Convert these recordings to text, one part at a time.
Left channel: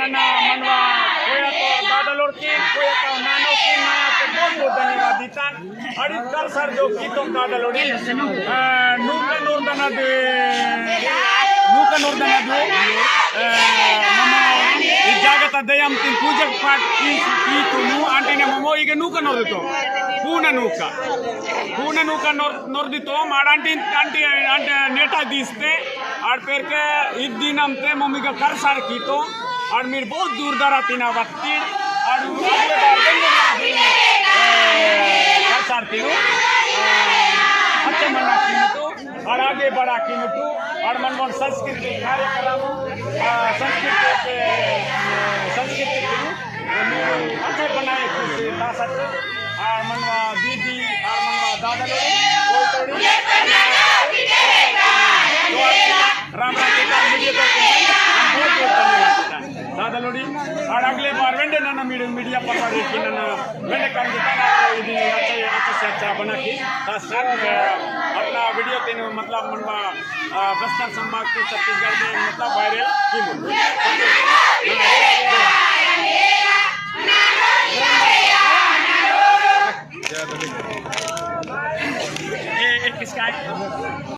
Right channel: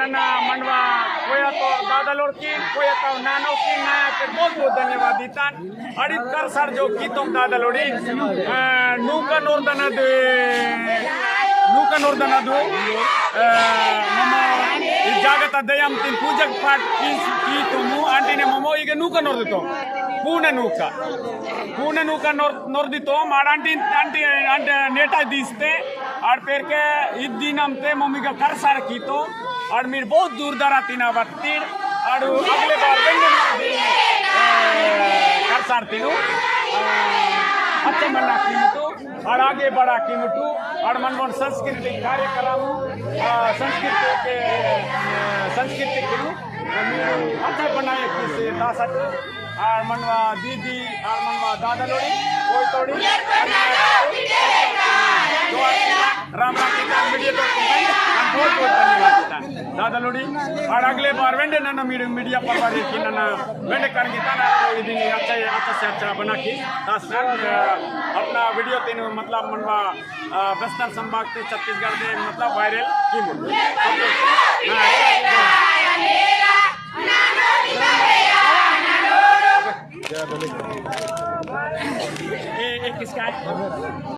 ನನ್ನ ಮಂಡವ कोयतो दादलोड की कोयतो नानो की नया के बहुत धन्यवाद दीता अड़ी कर सर जो गीतों दादलोडी नूका नोर्दनदु ममो ಈ ಜಾಗತ ದಯಂತಿ ಪೂಜಕ ಪಾಠ ಕೀತುನು ಅಂಟಿನೆ ಮಮೋ ಈಗ ನೂಕ ನೋರ್ದಿತೋ ಪೂರ್ಣ ನೂಕ ನೋರ್ದಿತೋ ಮಾಡಂಟಿ ಅಂಟಿ ಅಂಟ नेटा दीस्ते और फिर के इद्दीनमते मम्मी का कर सार कीतो और मेरे बहुत दूर दरा तीना बत्ती और अगले बार कर सार तीनू अच्छा मना कीमतो और आगे बढ़ा कीमतो और मनमोहन संस्कृति कार्यक्रम संस्कृति किनु अच्छा बनाए तासत और मनवा दीदी और मनवा दादा लोड़ी कोई तोड़ी राम कीता मीडिया तो बहुत धन्यवाद दादा लोड़ी और अगले बार वेंडे नन्ना मीडिया पर की नन्ना वेंडे करंगिता ना इदी अच्छा से अच्छा बना की अपना वीडियो तीन मतलब मनवा बस्तर संभाग के छत्तीसगढ़ में मतलब वायरल की किसका है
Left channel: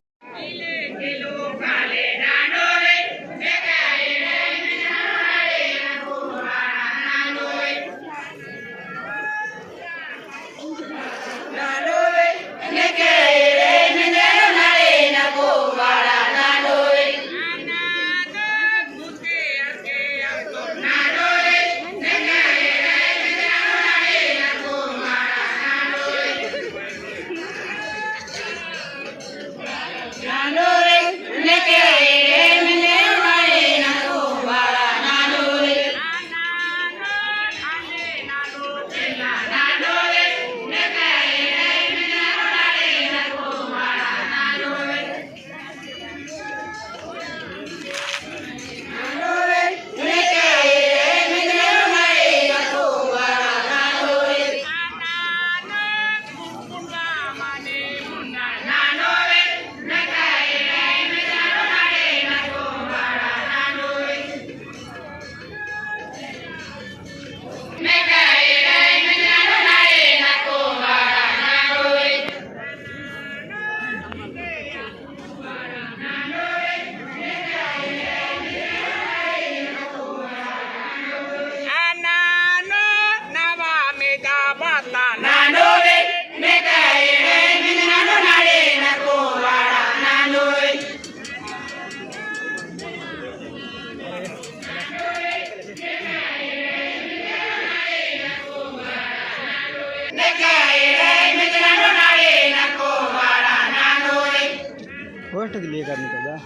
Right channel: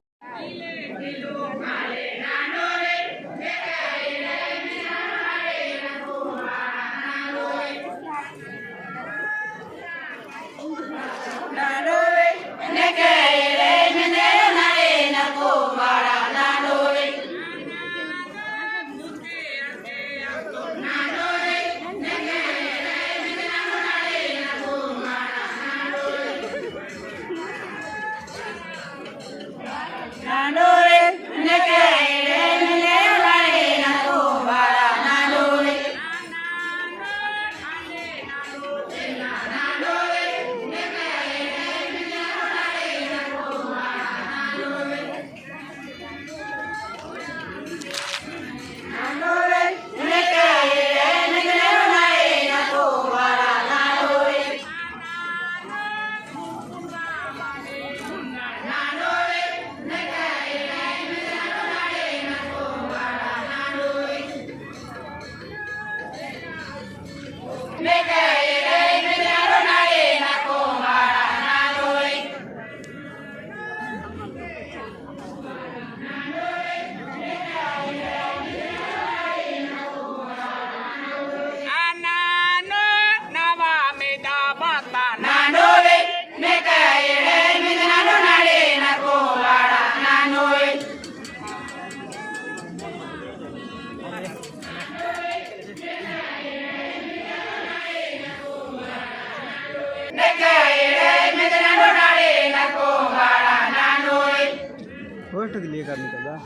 फोटो के लिए करने का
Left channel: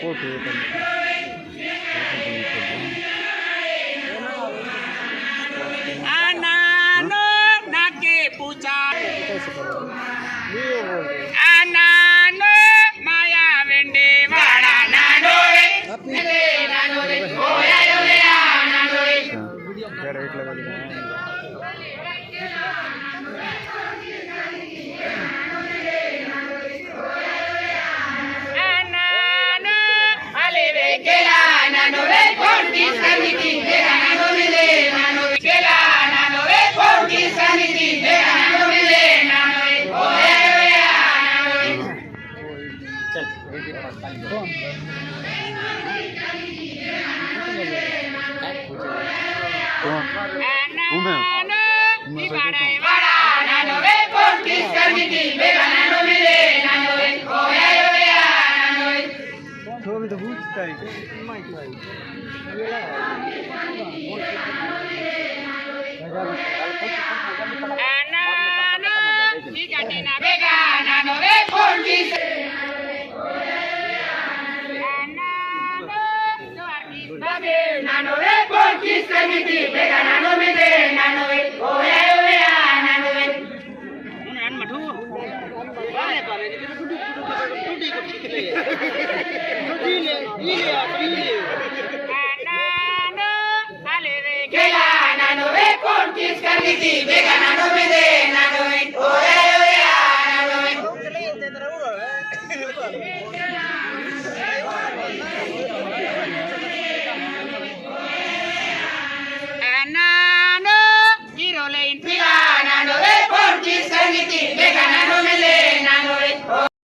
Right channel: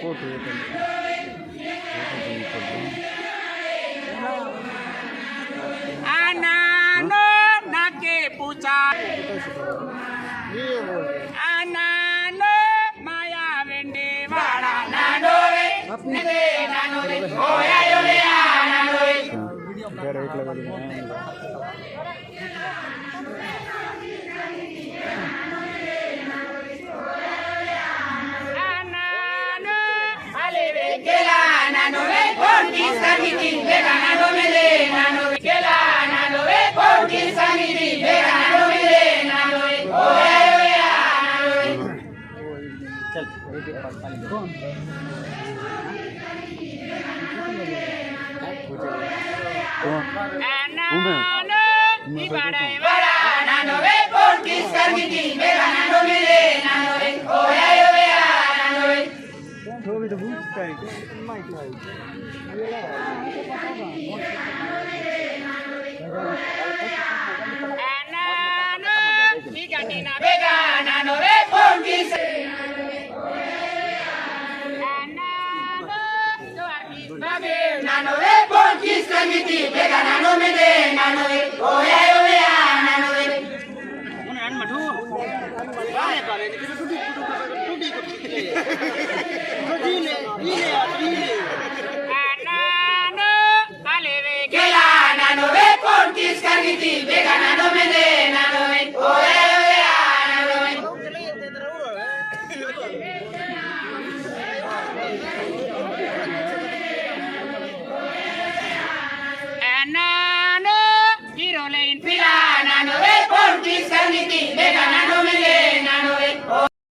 फोटो आनानो नाके पूछा आनानो माया वेंडे वाड़ा नानो ओया यो आनानो घर एक लगा दिया तो पूछता है lane. Filana no ve por chi saniti begana